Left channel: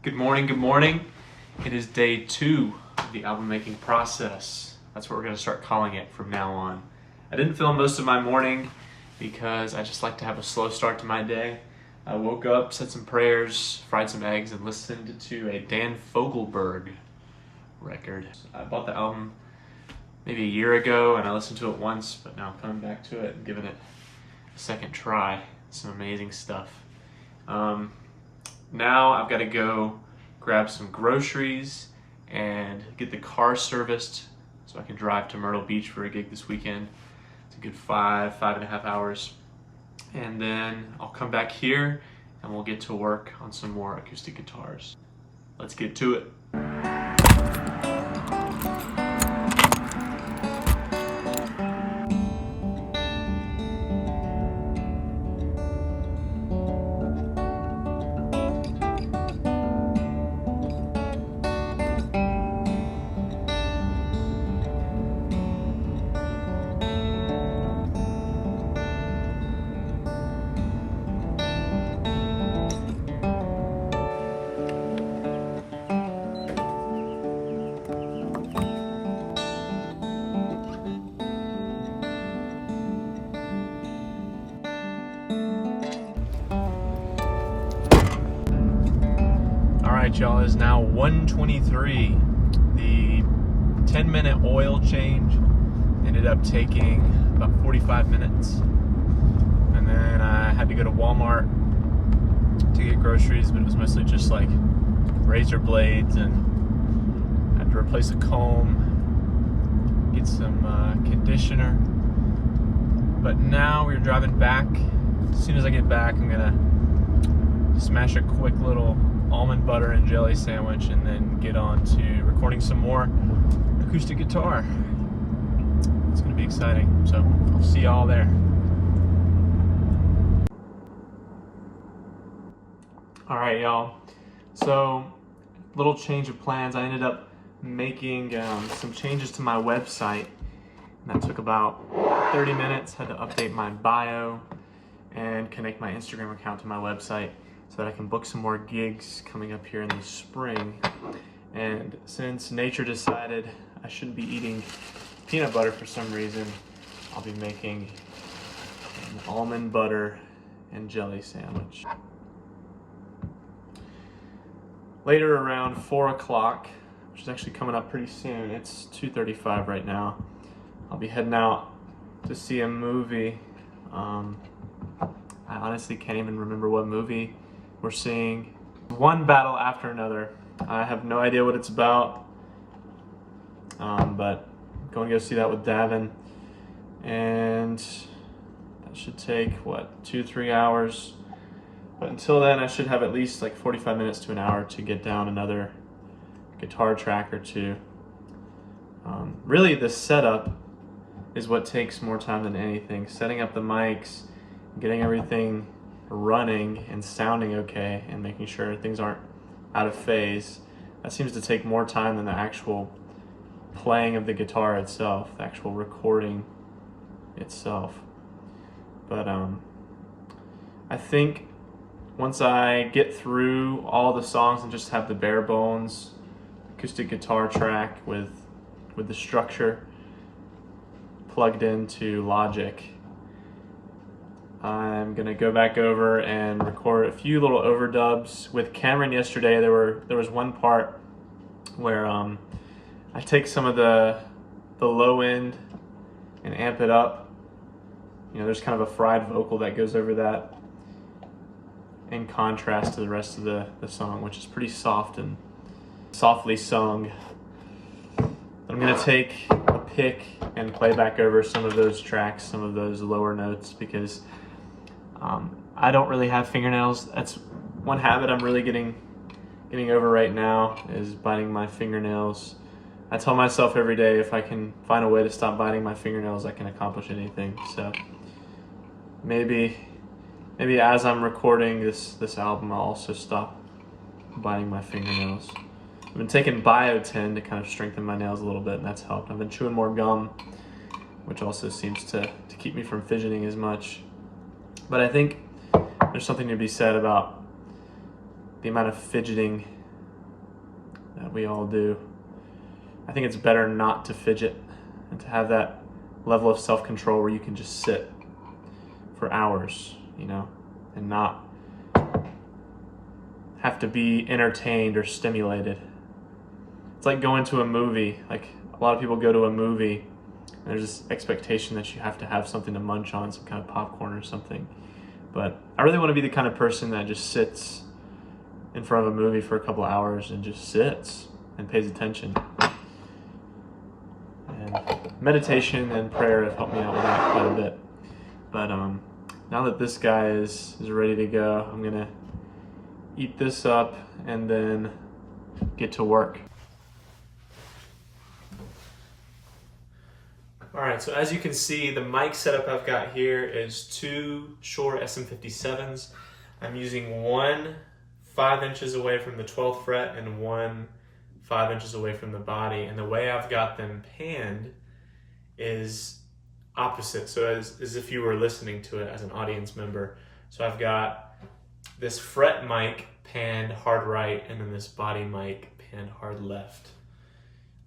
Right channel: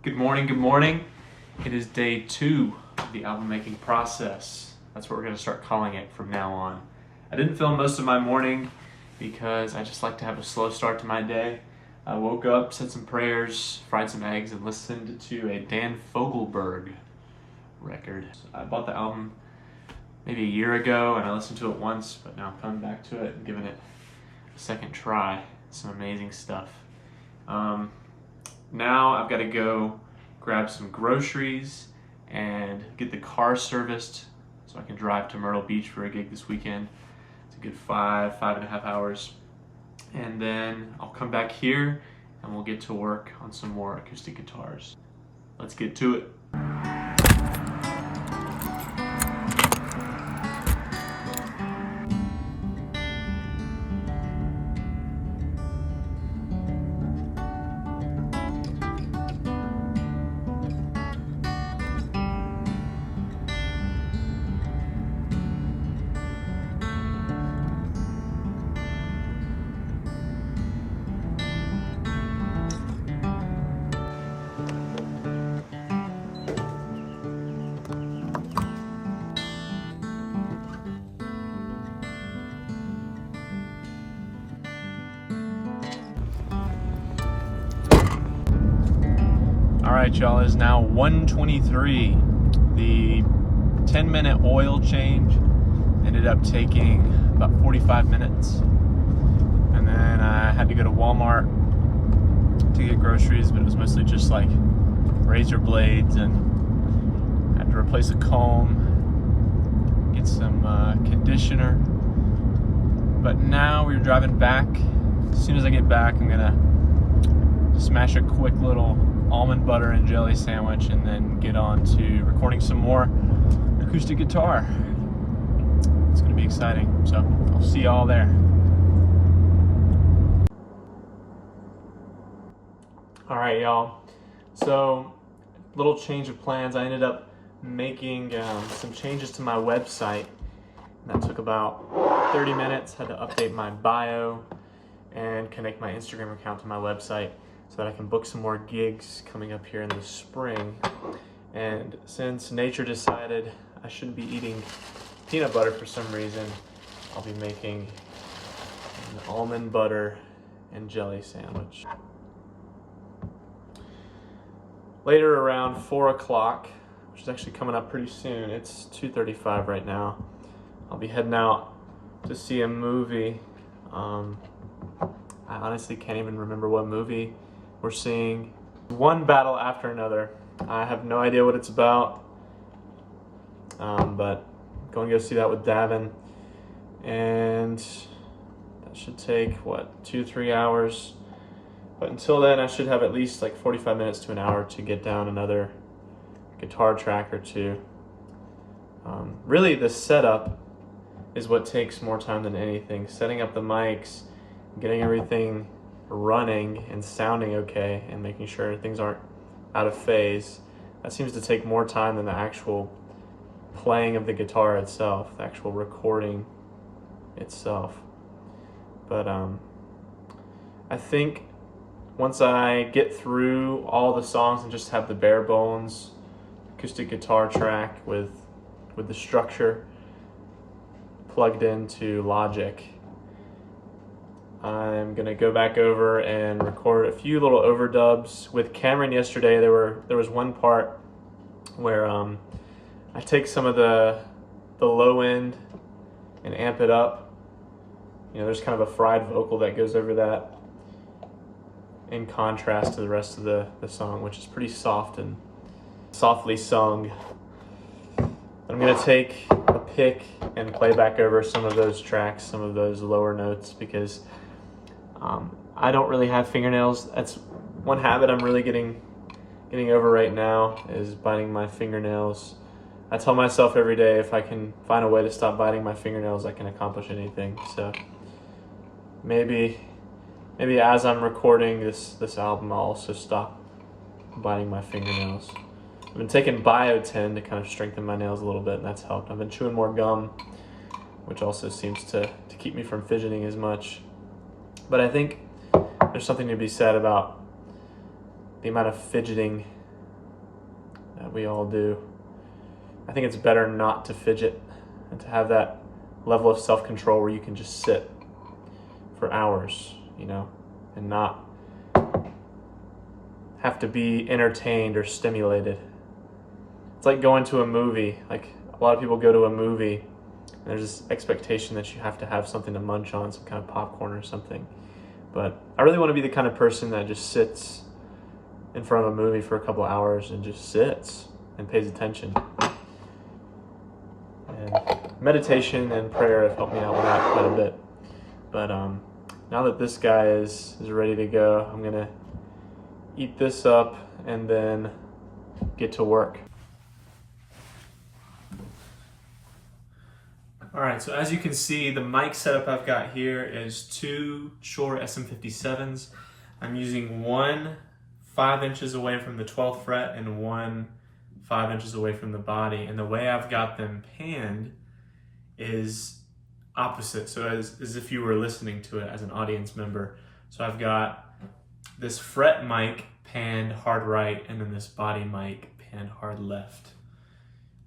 Good morning, good morning. It is day 2 of the album making process. That's what we're going to start calling it from now on. I didn't film most of my morning because I just like to have a slow start to my day. I woke up, said some prayers, fried some eggs, and listened to a Dan Fogelberg record. I bought the album maybe a year ago and I listened to it once, but now I'm coming back to it and giving it a second try. Some amazing stuff. Now I've got to go grab some groceries and get the car serviced so I can drive to Myrtle Beach for a gig this weekend. It's a good 5.5 hours. And then I'll come back here and we'll get to work on some more acoustic guitars. Let's get to it. Alright y'all, it is now 1:23. The 10-minute oil change ended up taking about 45 minutes. And then I had to go to Walmart to get groceries, but it was mostly just like razor blades, and I had to replace a comb, get some conditioner. But now we're driving back. As soon as I get back, I'm gonna smash a quick little almond butter and jelly sandwich and then get on to recording some more acoustic guitar. It's gonna be exciting, so I'll see y'all there. All right, y'all. So, little change of plans. I ended up making some changes to my website, and that took about 30 minutes. Had to update my bio and connect my Instagram account to my website so that I can book some more gigs coming up here in the spring. And since nature decided I shouldn't be eating peanut butter for some reason, I'll be making an almond butter and jelly sandwich. Later around 4 o'clock, which is actually coming up pretty soon, it's 2:35 right now, I'll be heading out to see a movie. I honestly can't even remember what movie we're seeing. One battle after another. I have no idea what it's about, but I'm going to go see that with Davin, and that should take, 2-3 hours. But until then, I should have at least like 45 minutes to an hour to get down another guitar track or two. Really, the setup is what takes more time than anything. Setting up the mics, getting everything running and sounding okay, and making sure things aren't out of phase. That seems to take more time than the actual playing of the guitar itself, the actual recording itself. But I think once I get through all the songs and just have the bare bones acoustic guitar track with the structure plugged into Logic, I'm gonna go back over and record a few little overdubs. With Cameron yesterday, there was one part where I take some of the low end and amp it up. You know, there's kind of a fried vocal that goes over that in contrast to the rest of the song, which is pretty soft and softly sung. I'm gonna take a pick and play back over some of those tracks, some of those lower notes, because I don't really have fingernails. That's one habit I'm really getting over right now, is biting my fingernails. I tell myself every day, if I can find a way to stop biting my fingernails, I can accomplish anything. So maybe as I'm recording this album, I'll also stop biting my fingernails. I've been taking Biotin to kind of strengthen my nails a little bit, and that's helped. I've been chewing more gum, which also seems to keep me from fidgeting as much. But I think there's something to be said about the amount of fidgeting that we all do. I think it's better not to fidget and to have that level of self-control where you can just sit for hours, you know, and not have to be entertained or stimulated. It's like going to a movie. Like, a lot of people go to a movie and there's this expectation that you have to have something to munch on, some kind of popcorn or something. But I really want to be the kind of person that just sits in front of a movie for a couple hours and just sits and pays attention. And meditation and prayer have helped me out with that quite a bit. But now that this guy is ready to go, I'm gonna eat this up and then get to work. All right, so as you can see, the mic setup I've got here is two Shure SM57s. I'm using one 5 inches away from the 12th fret and one 5 inches away from the body. And the way I've got them panned is opposite, so as if you were listening to it as an audience member. So I've got this fret mic panned hard right and then this body mic panned hard left.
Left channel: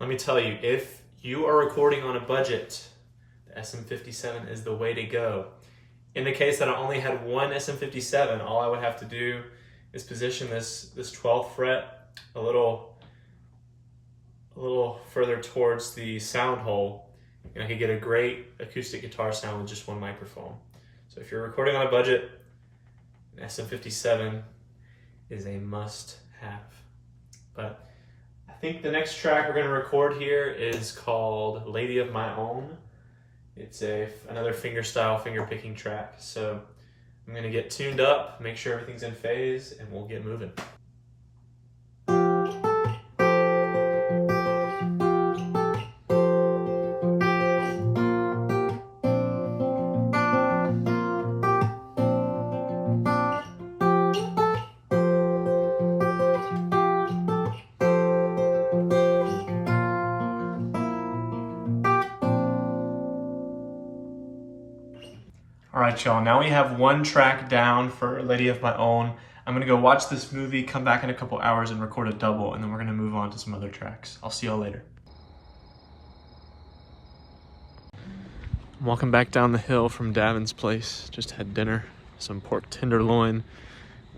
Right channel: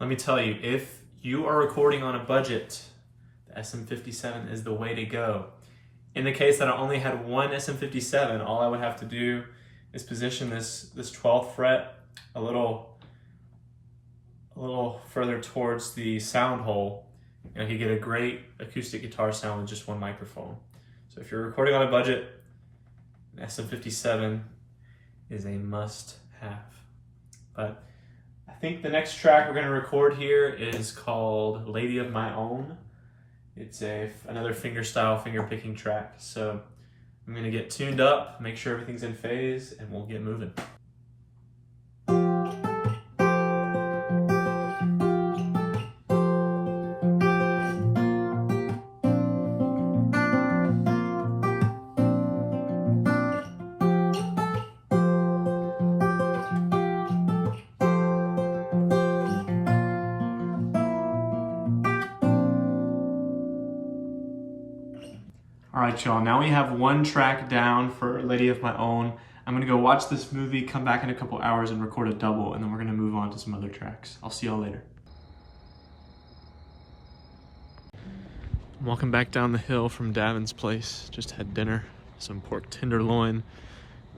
Let me tell you, if you are recording on a budget, the SM57 is the way to go. In the case that I only had one SM57, all I would have to do is position this 12th fret a little further towards the sound hole, and I could get a great acoustic guitar sound with just one microphone. So if you're recording on a budget, an SM57 is a must-have. But I think the next track we're going to record here is called Lady of My Own. It's another fingerstyle finger picking track. So I'm going to get tuned up, make sure everything's in phase, and we'll get moving. All right, y'all, now we have one track down for Lady of My Own. I'm gonna go watch this movie, come back in a couple hours and record a double, and then we're gonna move on to some other tracks. I'll see y'all later. I'm walking back down the hill from Davin's place. Just had dinner, some pork tenderloin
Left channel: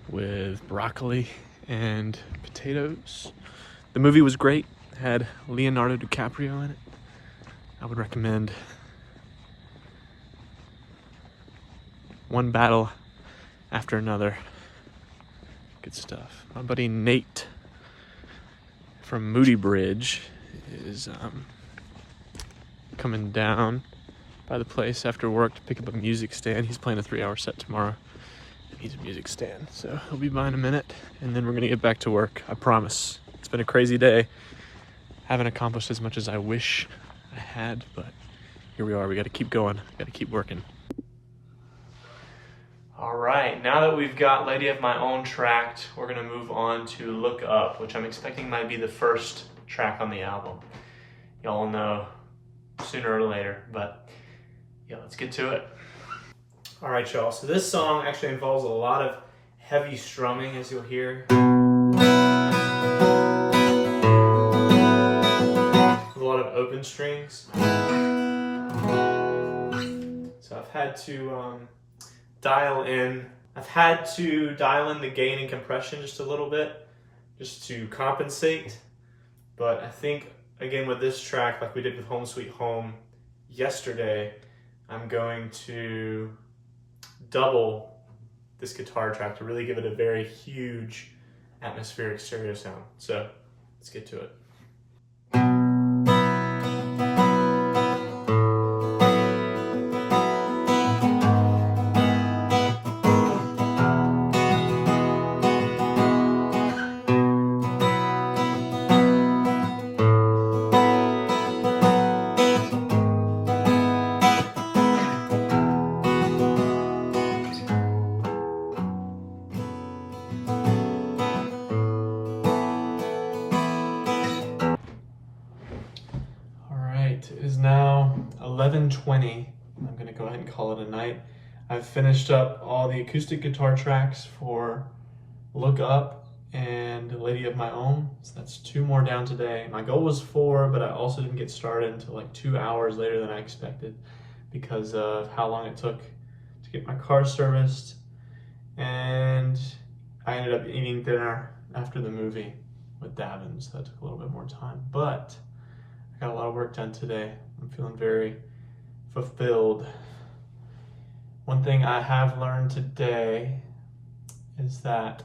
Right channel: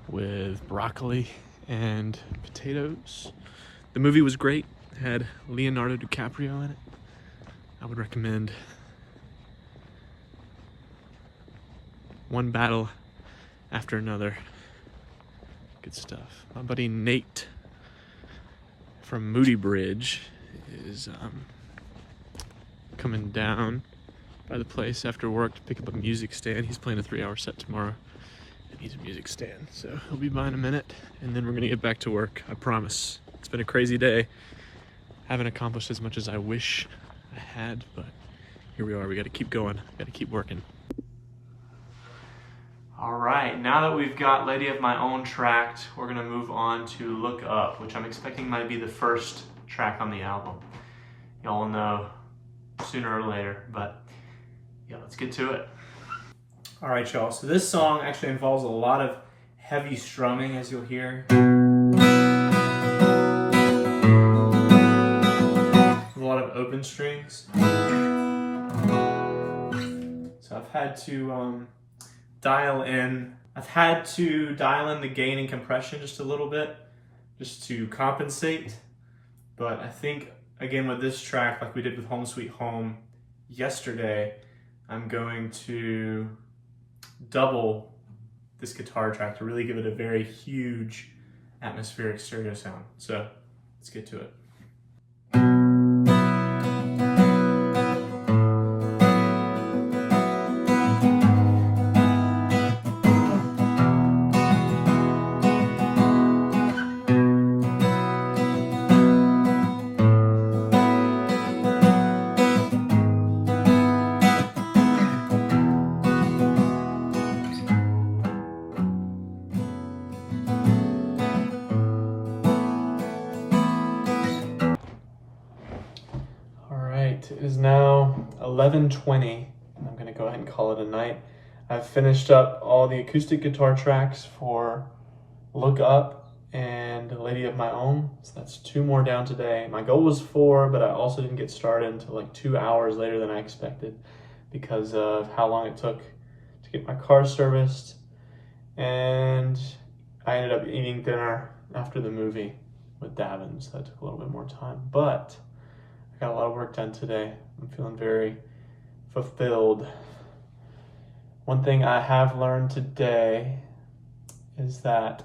with broccoli and potatoes. The movie was great, it had Leonardo DiCaprio in it. I would recommend one battle after another. Good stuff. My buddy Nate from Moody Bridge is coming down by the place after work to pick up a music stand. He's playing a 3-hour set tomorrow and needs a music stand. So he'll be by in a minute and then we're gonna get back to work, I promise. It's been a crazy day. Haven't accomplished as much as I wish I had, but here we are. We gotta keep going, gotta keep working. All right, now that we've got Lady of My Own tracked, we're gonna move on to Look Up, which I'm expecting might be the first track on the album. Y'all will know sooner or later, but yeah, let's get to it. All right, y'all, so this song actually involves a lot of heavy strumming, as you'll hear. A lot of open strings. So I've had to dial in the gain and compression just a little bit, just to compensate. But I think, again, with this track, like we did with Home Sweet Home yesterday, I'm going to double this guitar track to really give it a very huge atmospheric stereo sound. So let's get to it. It is now 11:20. I'm gonna go ahead and call it a night. I've finished up all the acoustic guitar tracks for Look Up, and a lady of my own. So that's 2 more down today. My goal was 4, but I also didn't get started until like 2 hours later than I expected because of how long it took to get my car serviced. And I ended up eating dinner after the movie with Davin, so that took a little bit more time. But I got a lot of work done today. I'm feeling very fulfilled. One thing I have learned today is that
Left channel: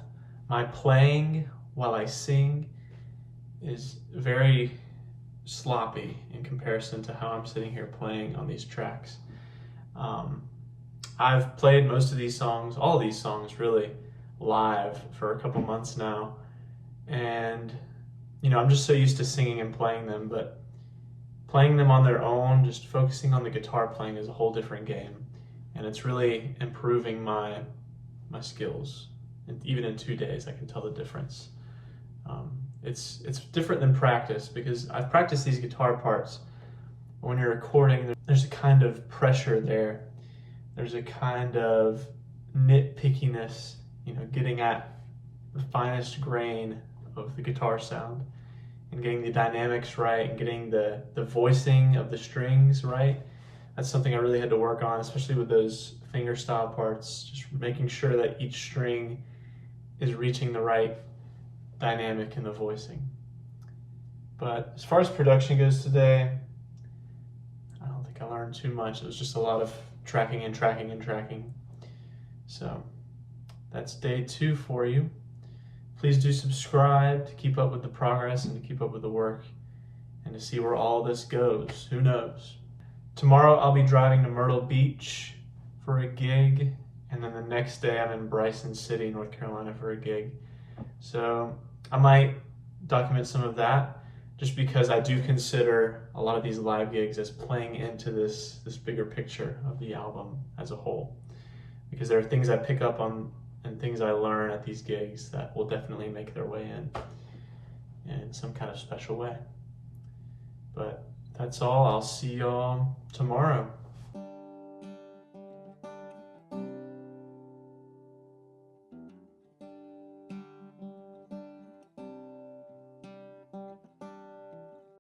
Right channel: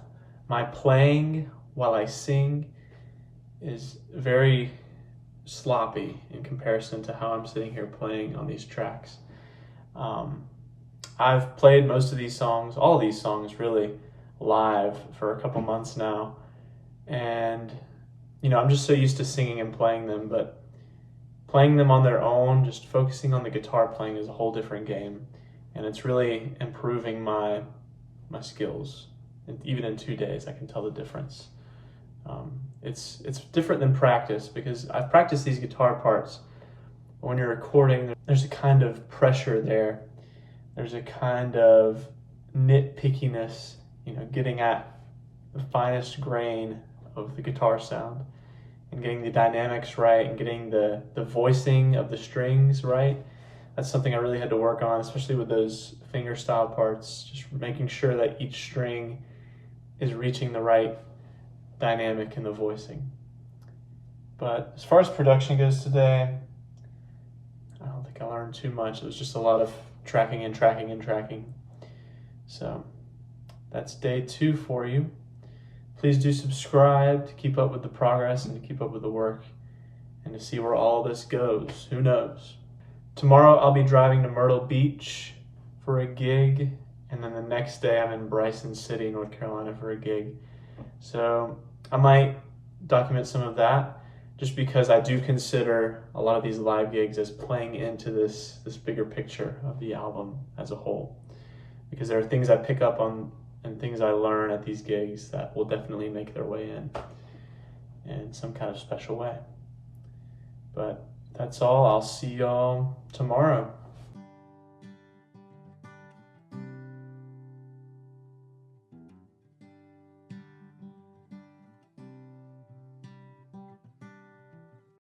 my playing while I sing is very sloppy in comparison to how I'm sitting here playing on these tracks. I've played most of these songs, all of these songs really, live for a couple months now. And, you know, I'm just so used to singing and playing them, but playing them on their own, just focusing on the guitar playing is a whole different game. And it's really improving my skills. And even in 2 days, I can tell the difference. It's different than practice because I've practiced these guitar parts. When you're recording, there's a kind of pressure there. There's a kind of nitpickiness, you know, getting at the finest grain of the guitar sound and getting the dynamics right and getting the voicing of the strings right. That's something I really had to work on, especially with those fingerstyle parts, just making sure that each string is reaching the right dynamic in the voicing. But as far as production goes today, I don't think I learned too much. It was just a lot of tracking and tracking and tracking. So that's day 2 for you. Please do subscribe to keep up with the progress and to keep up with the work and to see where all this goes. Who knows? Tomorrow I'll be driving to Myrtle Beach for a gig, and then the next day I'm in Bryson City, North Carolina for a gig. So I might document some of that just because I do consider a lot of these live gigs as playing into this bigger picture of the album as a whole. Because there are things I pick up on and things I learn at these gigs that will definitely make their way in some kind of special way. But that's all. I'll see y'all tomorrow.